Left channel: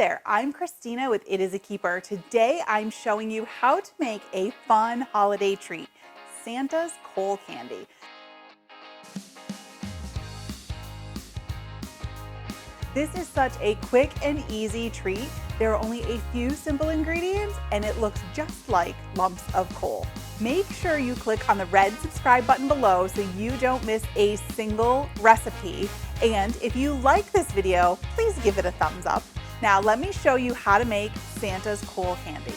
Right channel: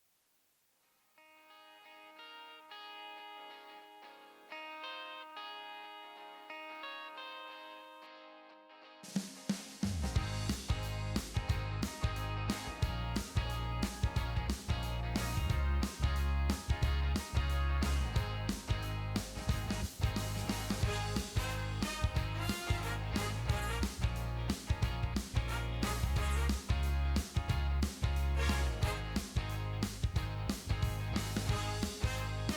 there, I'm Christina with It Is a Keeper. Today I'm showing you how to make a fun holiday treat, Santa's coal candy. This is such a quick and easy treat. There are only a few simple ingredients and it looks just like lumps of coal. Make sure you click on the red subscribe button below so you don't miss a single recipe. And if you like this video, please give it a thumbs up. Now let me show you how to make Santa's coal candy.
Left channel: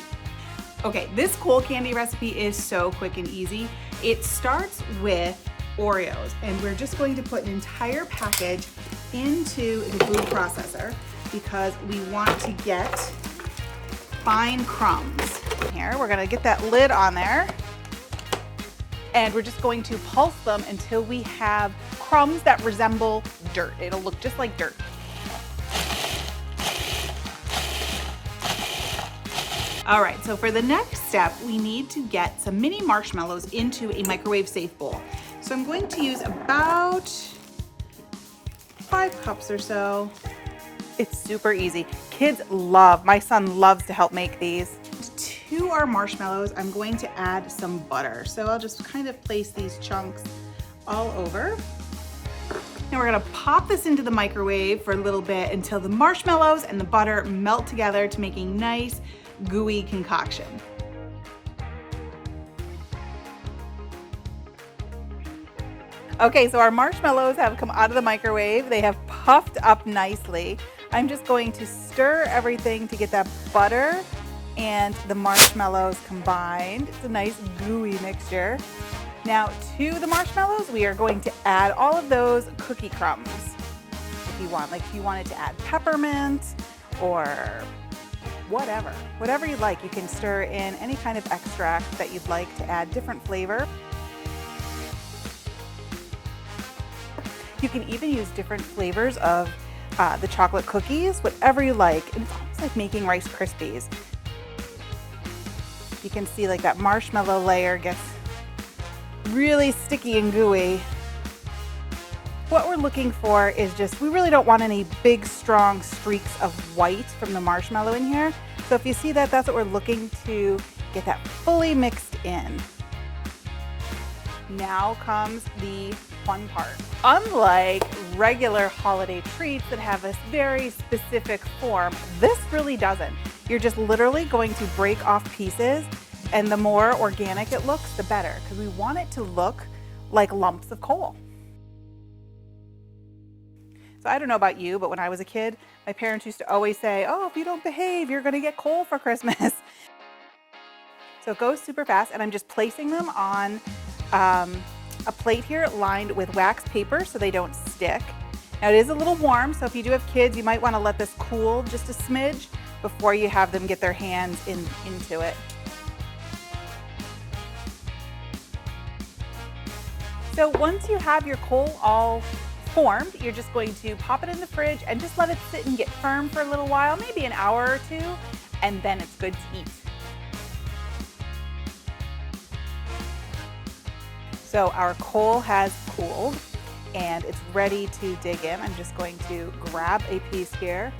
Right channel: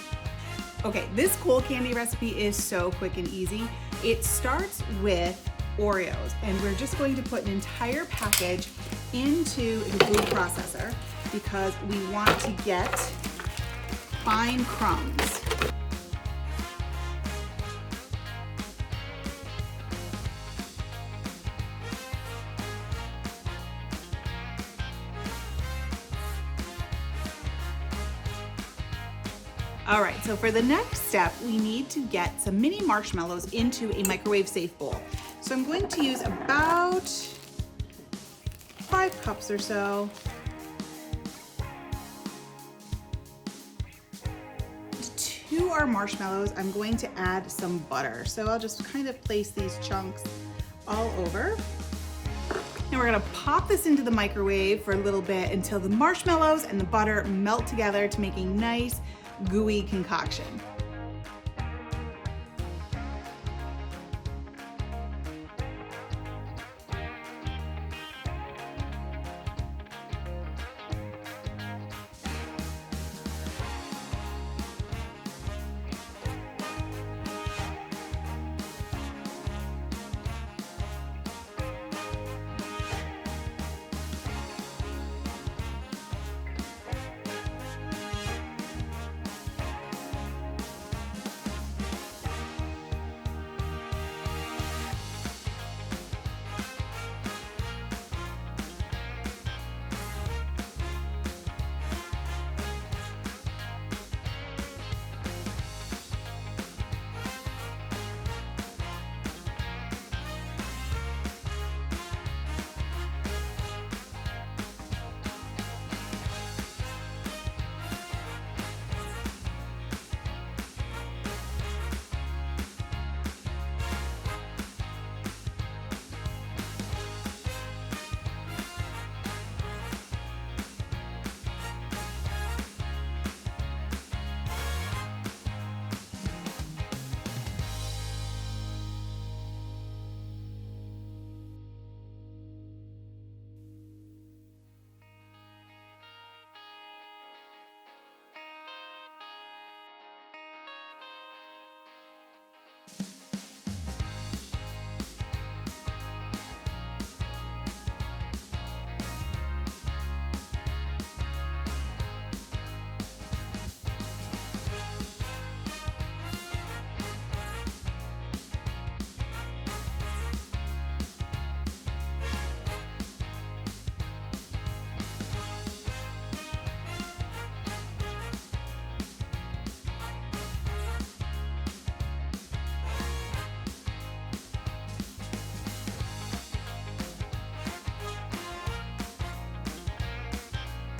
Okay, this coal candy recipe is so quick and easy. It starts with Oreos, and we're just going to put an entire package into the food processor because we want to get fine crumbs. Here, we're gonna get that lid on there, and we're just going to pulse them until we have crumbs that resemble dirt. It'll look just like dirt. All right, so for the next step, we need to get some mini marshmallows into a microwave safe bowl. So I'm going to use about 5 cups or so. It's super easy. My son loves to help make these. To our marshmallows, I'm going to add some butter. So I'll just kind of place these chunks all over. And we're gonna pop this into the microwave for a little bit until the marshmallows and the butter melt together to make a nice, gooey concoction. Okay, so our marshmallows have come out of the microwave. They have puffed up nicely. I'm just going to stir everything to get that butter and the marshmallows combined. It's a nice gooey mixture. Now to the marshmallows, we are going to add all of those cookie crumbs. If you want, like if you wanted to add peppermint or whatever you like, you can stir in any kind of extract that you'd like to add different flavor. You can even use different flavors of the chocolate cookies, whatever you like. It's almost like making Rice Krispies. You can see like that marshmallow layer gets really sticky and gooey. What we're looking for is just, we really don't want any big, strong streaks of white from the marshmallow in here. So if you see that, that's what we're looking to get that fully mixed in. Now comes the fun part. Unlike regular holiday treats that have a very specific form, this really doesn't. You're just literally going to break off pieces, and the more organic it looks, the better, because we want it to look like lumps of coal. So I don't know about you, but when I was a kid, my parents used to always say, oh, if you don't behave, you're gonna get coal for Christmas. So it goes super fast, and I'm just placing them on a plate here lined with wax paper so they don't stick. Now it is a little warm, so if you do have kids, you might want to let this cool just a smidge before you have them get their hands into it. So once you have your coal all formed, you're just going to pop it in the fridge and just let it sit and get firm for a little while, maybe an hour or two, and then it's good to eat. So our coal has cooled and it's ready to dig in. I'm just going to grab a piece here.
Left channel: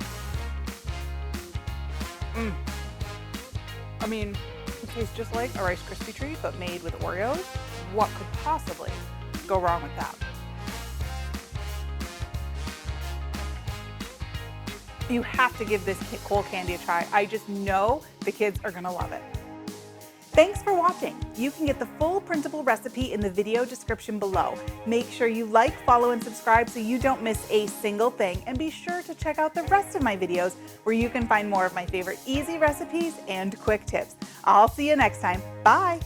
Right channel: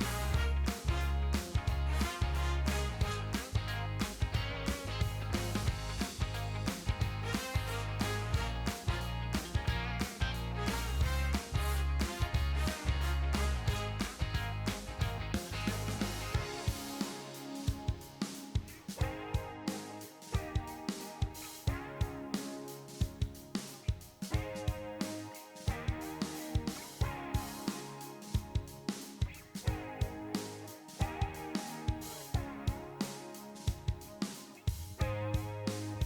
I mean, it tastes just like a Rice Krispie treat, but made with Oreos. What could possibly go wrong with that? You have to give this coal candy a try. I just know the kids are gonna love it. Thanks for watching. You can get the full printable recipe in the video description below. Make sure you like, follow, and subscribe so you don't miss a single thing. And be sure to check out the rest of my videos where you can find more of my favorite easy recipes and quick tips. I'll see you next time. Bye.